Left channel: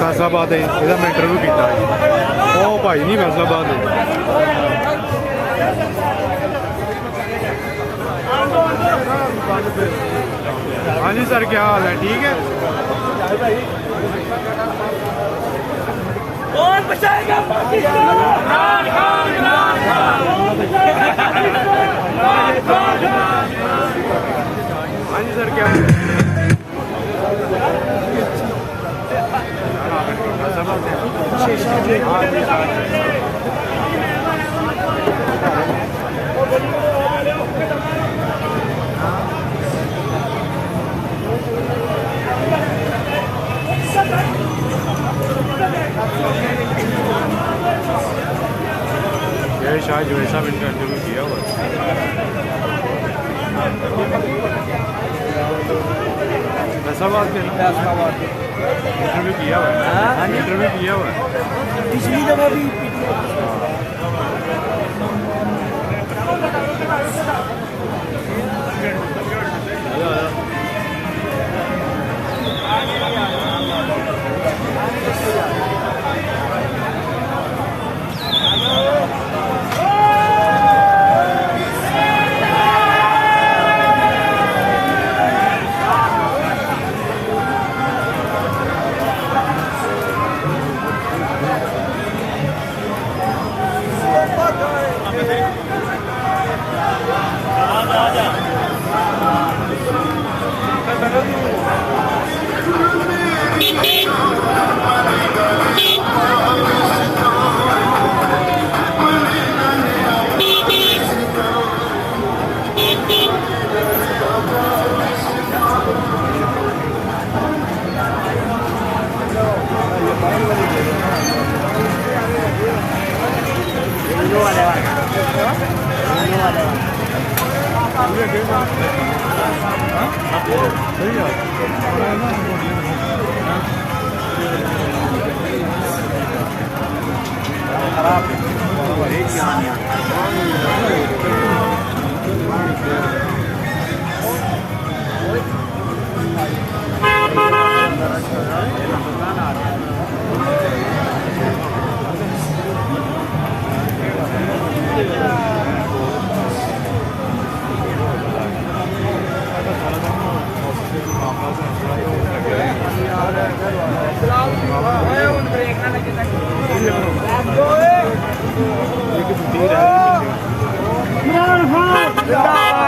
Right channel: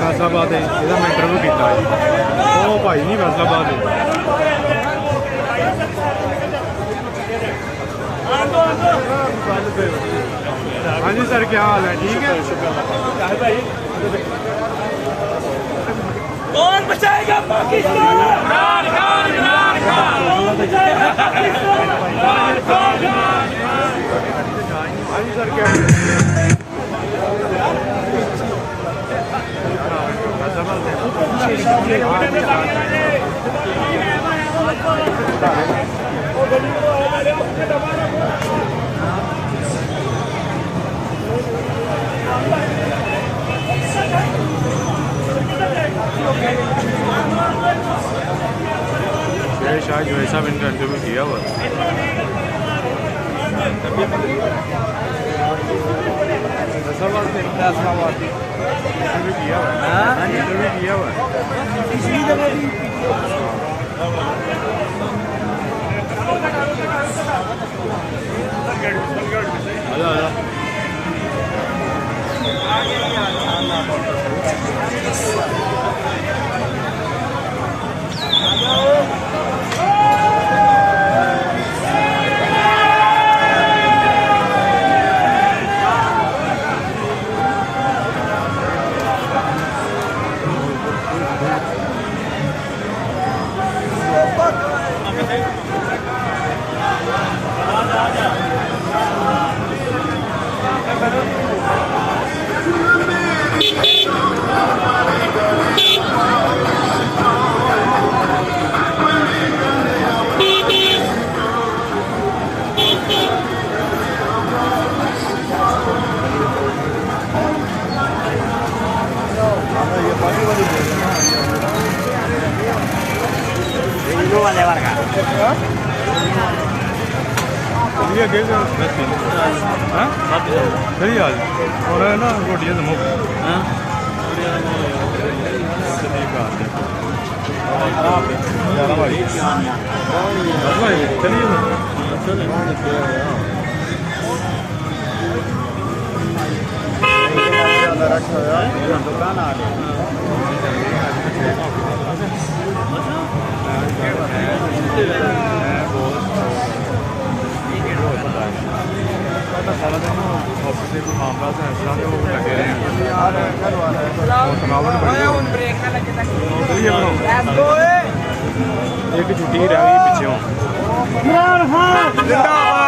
फैसलाबाद ਇਹਦਾ मैं इंटरव्यू किया वो भाई नहीं फैसलाबाद हाँ जी सर क्या हाल है ठीक है कौन बचाएगा इमरान खान इमरान खान हाँ जी सर क्या शायद जो ऐसा इनका इंटरव्यू किया हुआ इंटरव्यू किया हुआ इंटरव्यू किया हुआ पिछली दफा भी खराब है सारा दिन ऑफिस के कोई मामला से ऐसा है वो लगे रहे हैं एक छुट्टी रही पीछे